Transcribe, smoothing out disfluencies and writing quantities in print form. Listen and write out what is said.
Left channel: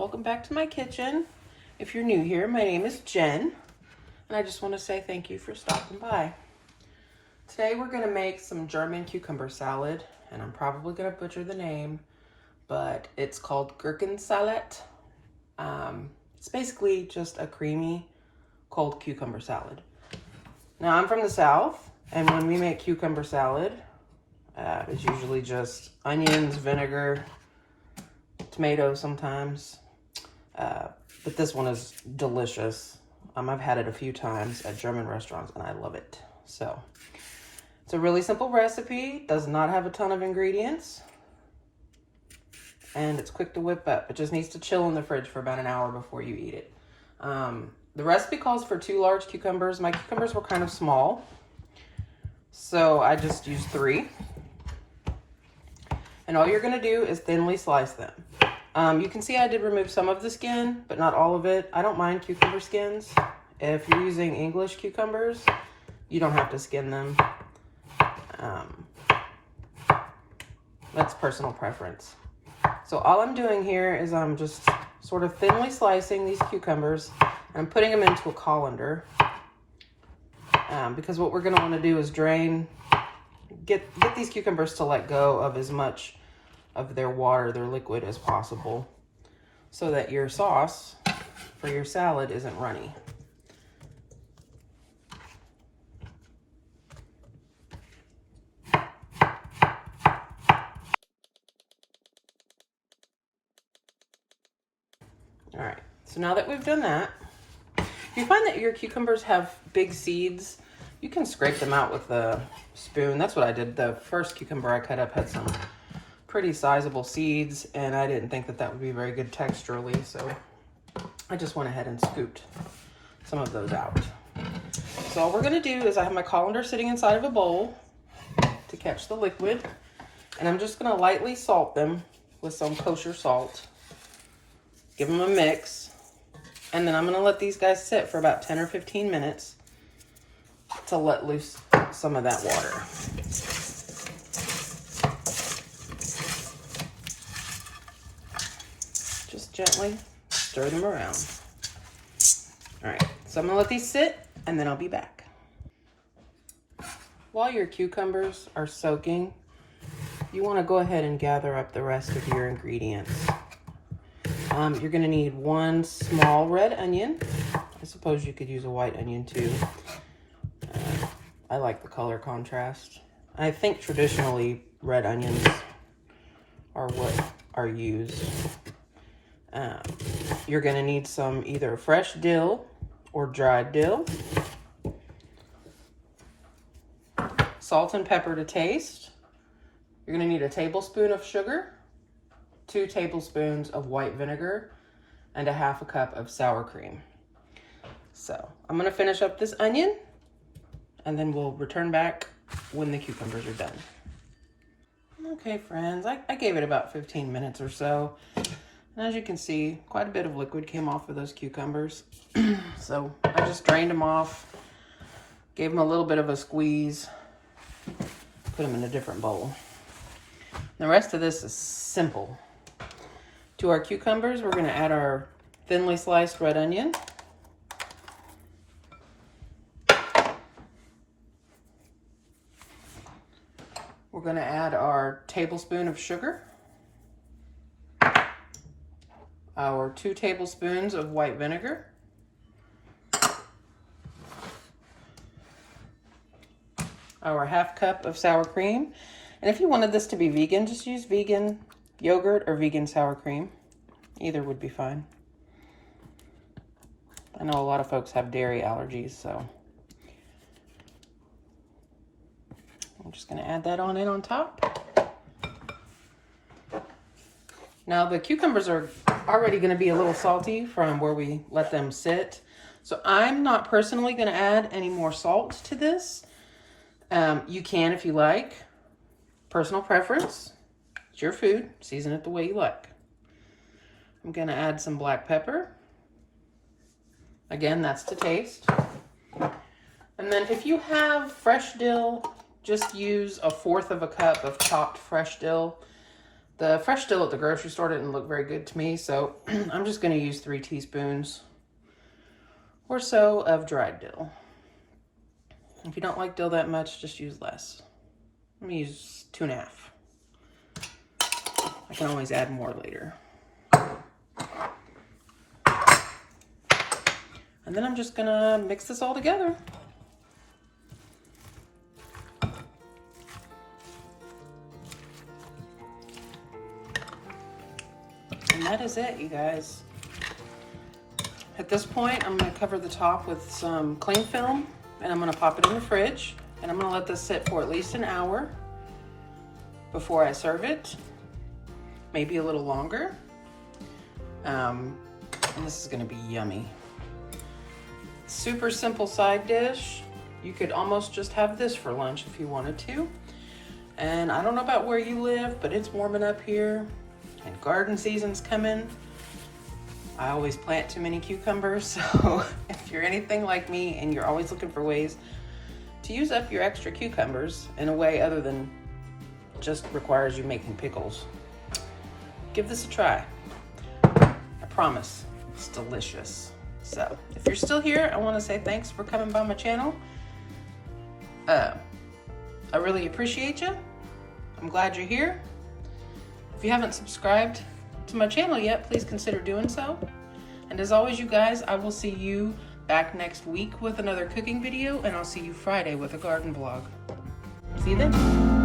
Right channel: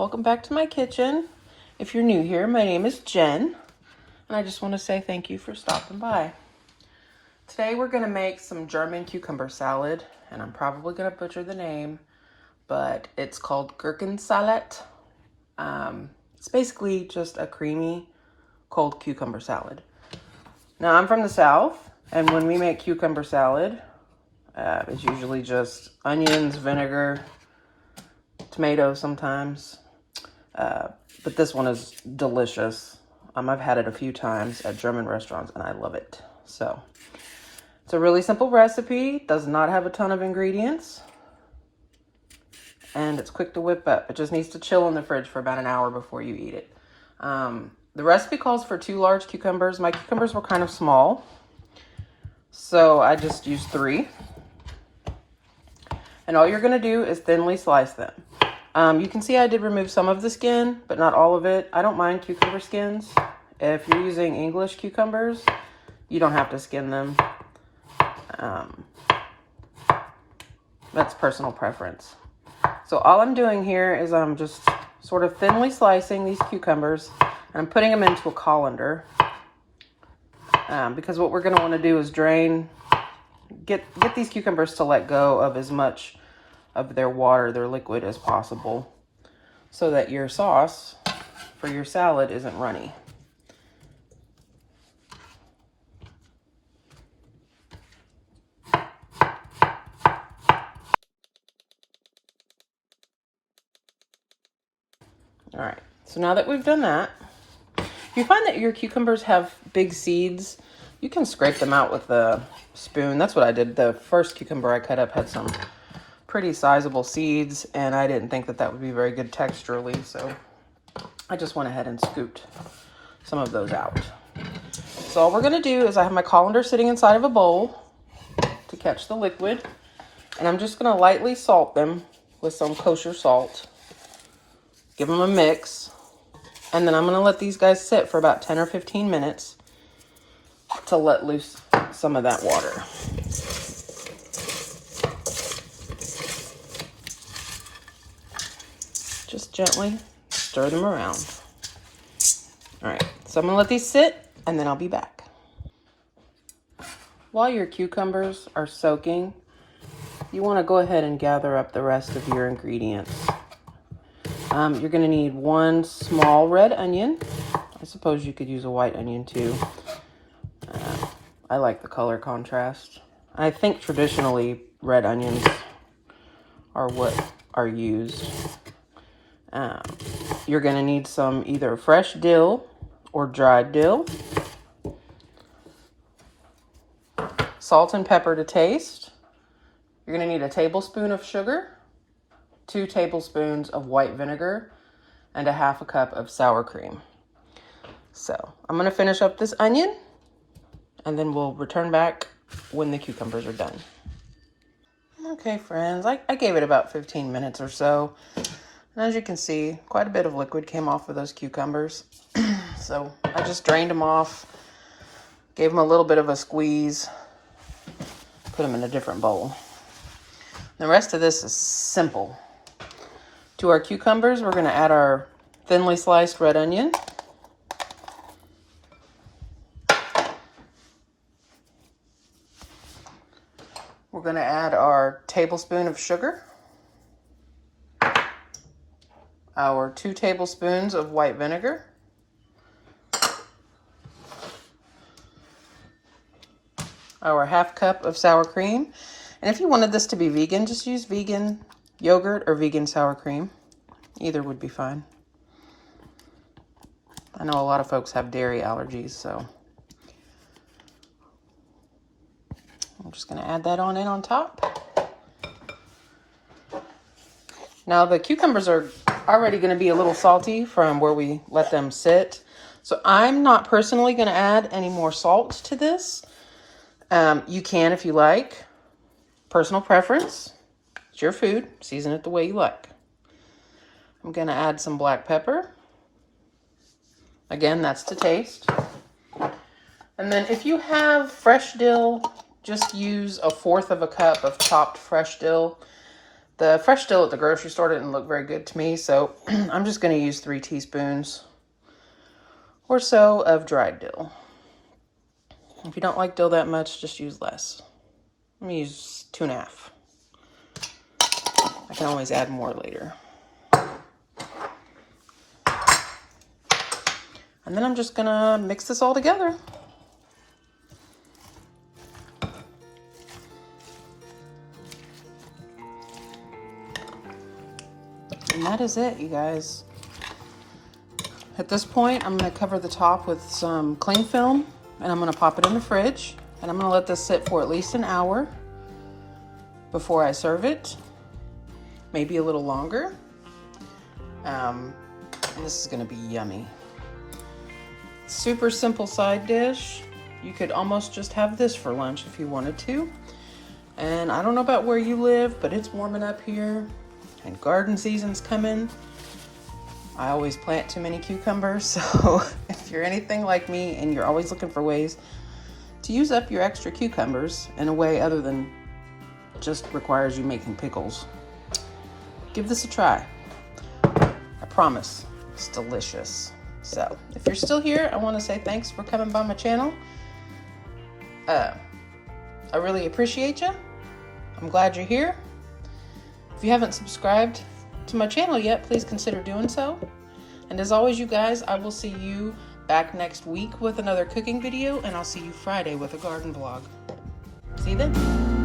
Welcome back to my kitchen. If you're new here, my name is Jen, and I just want to say thank you for stopping by. Today we're going to make some German cucumber salad, and I'm probably going to butcher the name, but it's called Gurkensalat. It's basically just a creamy, cold cucumber salad. Now, I'm from the South, and when we make cucumber salad, it's usually just onions, vinegar, tomatoes sometimes. But this one is delicious. I've had it a few times at German restaurants and I love it. So it's a really simple recipe, does not have a ton of ingredients, and it's quick to whip up. It just needs to chill in the fridge for about an hour before you eat it. The recipe calls for 2 large cucumbers. My cucumbers were kind of small, so I just used 3. And all you're gonna do is thinly slice them. You can see I did remove some of the skin, but not all of it. I don't mind cucumber skins. If you're using English cucumbers, you don't have to skin them. That's personal preference. So all I'm doing here is I'm just sort of thinly slicing these cucumbers, and I'm putting them into a colander. Because what we're gonna wanna do is get these cucumbers to let go of as much of their water, their liquid, as possible, so that your sauce for your salad isn't runny. All right, so now that we've done that, if you find that your cucumbers have big seeds, you can scrape them out with a spoon. That's what I did. The first cucumber I cut up had some pretty sizable seeds, and I didn't think that that would be very good texturally, so I just went ahead and scooped some of those out. So all we're gonna do is I have my colander sitting inside of a bowl to catch the liquid, and I'm just gonna lightly salt them with some kosher salt, give them a mix, and then I'm gonna let these guys sit for about 10 or 15 minutes to let loose some of that water. Just gently stir them around. All right, so I'm gonna let these sit and then I'll be back. While your cucumbers are soaking, you wanna go ahead and gather up the rest of your ingredients. You're gonna need 1 small red onion. I suppose you could use a white onion too. I like the color contrast. I think traditionally red onions are what are used. You're gonna need some either fresh dill or dried dill. Salt and pepper to taste. You're gonna need a tablespoon of sugar, 2 tablespoons of white vinegar, and a 1/2 cup of sour cream. So I'm gonna finish up this onion, and then we'll return back when the cucumbers are done. Okay, friends, I gave it about 15 minutes or so. And as you can see, quite a bit of liquid came off of those cucumbers. So I just drained them off, gave them a little bit of a squeeze, put them in a different bowl. The rest of this is simple. To our cucumbers, we're gonna add our thinly sliced red onion. We're gonna add our tablespoon of sugar, our 2 tablespoons of white vinegar, our 1/2 cup of sour cream. And if you wanted this to be vegan, just use vegan yogurt or vegan sour cream. Either would be fine. I know a lot of folks have dairy allergies, so I'm just gonna add that on in on top. Now the cucumbers are already gonna be a little salty from where we let them sit. So I'm not personally gonna add any more salt to this. You can if you like. Personal preference. It's your food. Season it the way you like. I'm gonna add some black pepper. Again, that's to taste. And then if you have fresh dill, just use 1/4 cup of chopped fresh dill. The fresh dill at the grocery store didn't look very good to me, so I'm just going to use 3 teaspoons or so of dried dill. If you don't like dill that much, just use less. I'm going to use 2.5. I can always add more later. And then I'm just going to mix this all together. And that is it, you guys. At this point, I'm going to cover the top with some cling film, and I'm going to pop it in the fridge, and I'm going to let this sit for at least an hour before I serve it, maybe a little longer. And this is going to be yummy. Super simple side dish. You could almost just have this for lunch if you wanted to. And I don't know about where you live, but it's warming up here and garden season's coming. I always plant too many cucumbers, so if you're anything like me and you're always looking for ways to use up your extra cucumbers in a way other than just requires you making pickles, give this a try. I promise, it's delicious. So if you're still here, I want to say thanks for coming by my channel. I really appreciate you. I'm glad you're here. If you haven't subscribed to my channel yet, please consider doing so. And as always, you guys, I will see you back next week with another cooking video, and I'll see you Friday with a garden vlog. See you then.